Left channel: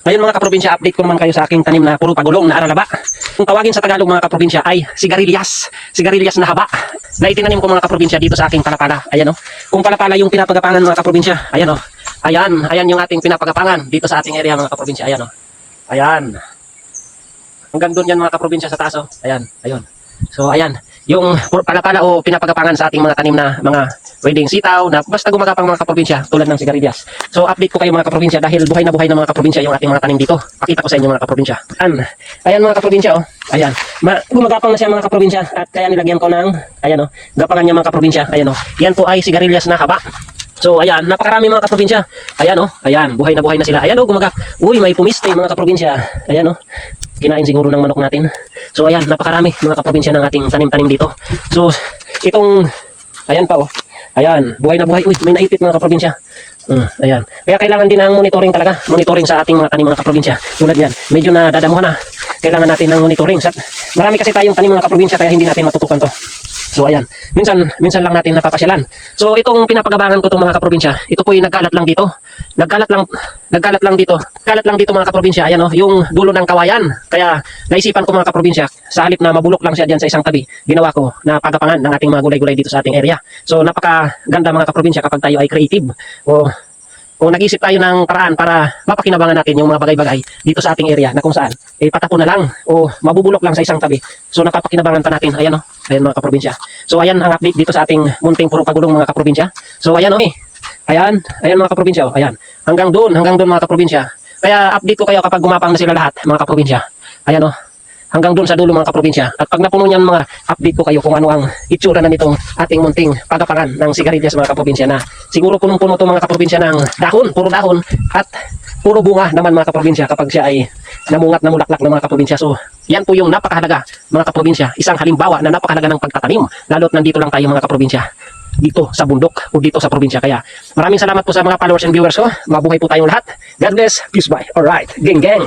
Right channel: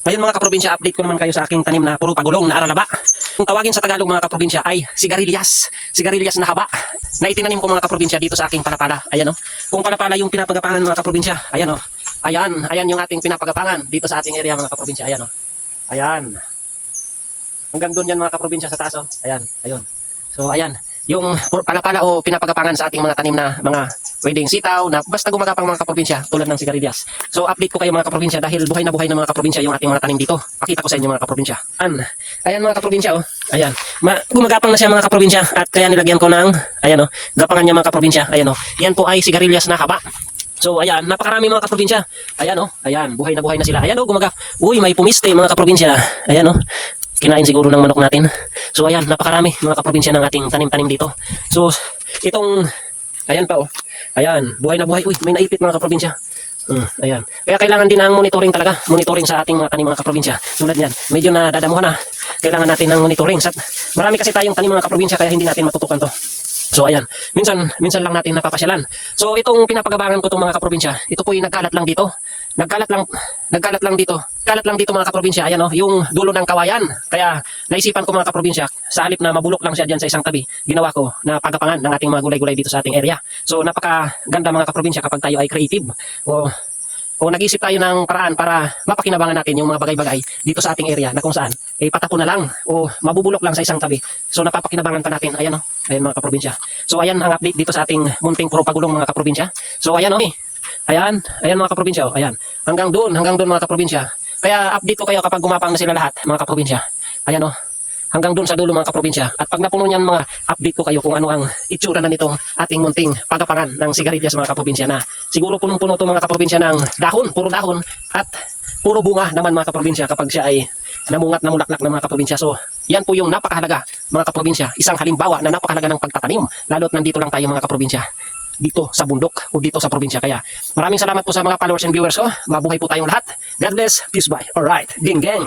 Ayun mga kaprobinsya, update ko naman kayo sa aking tanim na puro pagulong na aralaba. Kung tawagin sa Tagalog mga kaprobinsya ay sigarilyas. Sigarilyas na haba. Na itinanim ko mga kaprobinsya dito sa aking palapala. Ayan o. Kung palapala yung pinapagapangan mga kaprobinsya, ayan o. Ayan yung ating pinapagapangan dito sa ating area mga kaprobinsya. Ayan o. Ayan. Hanggang doon yan mga kaprobinsya sa taas o. Ayan. Ayun. So ayan. Yung palapala o pinapagapangan sa ating mga tanim na mga pwedeng sitaw na basta gumagapang mga kaprobinsya tulad ng sigarilyas. So update ko kayo mga kaprobinsya dahil buhay na mga kaprobinsya yung ating mga tanim dito. Pakita ko sa inyo mga kaprobinsya. Ayan mga kaprobinsya oh. Ayan. Gumagapang na siya mga kaprobinsya at kaya nilagyan ko ng ayan oh, gapangan niya mga kaprobinsya. Ayan oh. Yan po ay sigarilyas na haba. So ayan, napakarami mga kaprobinsya. Ayan oh, ayan, buhay na sila. Ayan oh, Uy, may pumiste mga kaprobinsya. Ayan oh. Kinain siguro ng manok natin. So ayan, napakarami mga kaprobinsya ng ating tanim-tanim dito. So itong ayan pa oh. Ayan, buhay na buhay. Uy, may naipit mga kaprobinsya. Ayan. Kaya kailangan din ng monitoring talaga. Monitoring sa ating mga tanim mga kaprobinsya. Tulad niyan, medyo na dadamuhan na. Kailangan natin ng monitoring. Marami kasi tayong tanim mga kaprobinsya kaya hindi natin matutukan to. So ayan, minsan lang natin napapasyalan. So itong pinapagabangan ko itong mga kaprobinsya, ito po yung nagkalat lang dito. Nagkalat lang dito. Kalat lang dito mga kaprobinsya. Ayan oh, yung dulo ng kawayan. Kaya naisipan ko mga kaprobinsya, sa halip na mabulok lang siya diyan sa isang tabi, ginawa ko na pagapangan ng ating mga gulay-gulay dito sa ating area. So napakaganda mga kaprobinsya kapag tayo ay creative. O nag-isip tayo ng paraan para mapakinabangan natin yung mga bagay-bagay dito sa ating area na kung saan patako na lang o mabubulok lang sa isang tabi. So napapakinabangan pa natin. Ayan o. Ayan mga kaprobinsya. So ayan ang update dito sa ating munting puro pagulong mga kaprobinsya. So ayan o Ayan mga kaprobinsya o. Ayan. Hanggang doon mga kaprobinsya. Kaya update ko kayo kapag gumapang na sila lahat mga kaprobinsya. Ayan o. Hanggang doon sa dulo mga kaprobinsya. At pag napuno niyan mga update ko kayo kung ano ang itsura na nitong ating munting pagapangan ng sigarilyas mga kaprobinsya na siguro punong-puno itong mga kaprobinsya ng dahon, puro dahon at puro bunga naman mga kaprobinsya kapag siya ay namungat na mulaklak ng mga kaprobinsya. So yan po yung napakahalaga mga kaprobinsya. Isang halimbawa na napakahalaga ng pagtatanim lalo't nandito lang tayo mga kaprobinsya dito sa bundok o dito sa probinsya. Kaya maraming salamat po sa mga followers and viewers ko. Mabuhay po tayong lahat. God bless. Peace bye. Alright. Geng geng.